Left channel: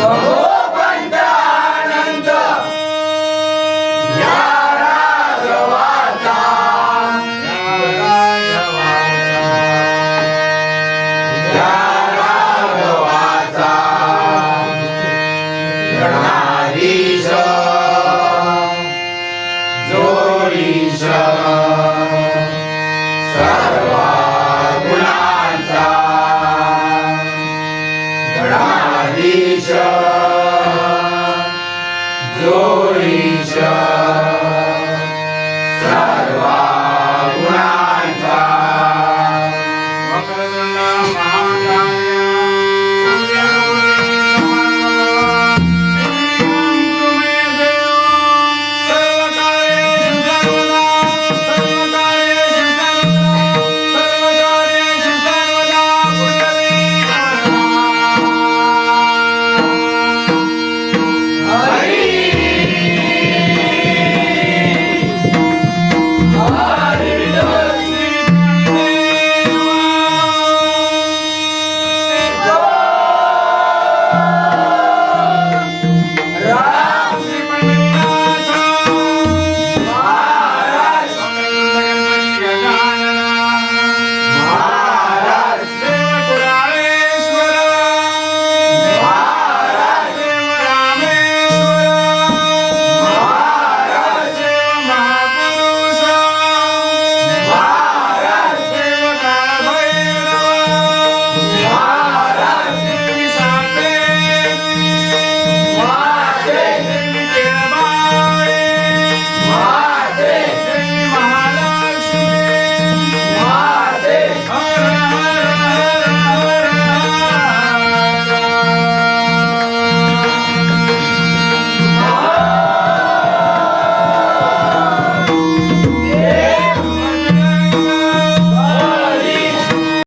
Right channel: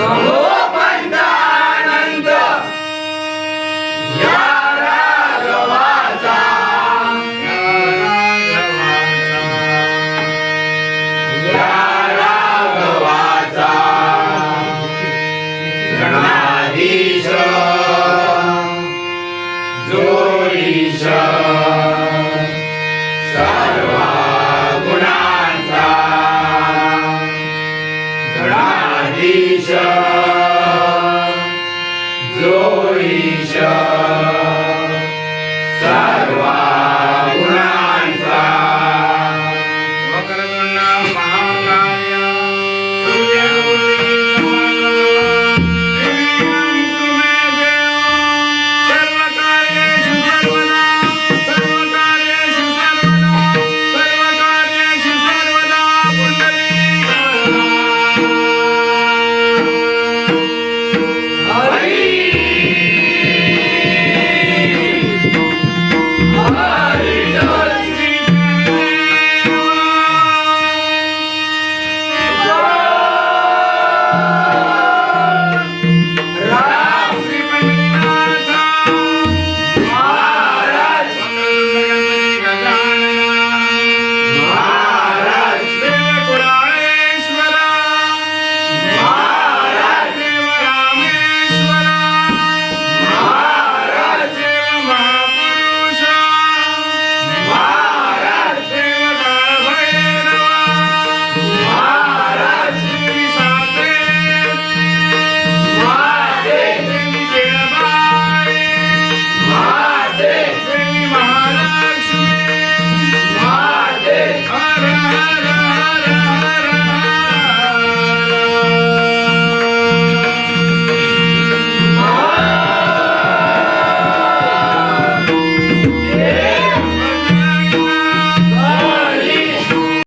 Bravo. Glory shall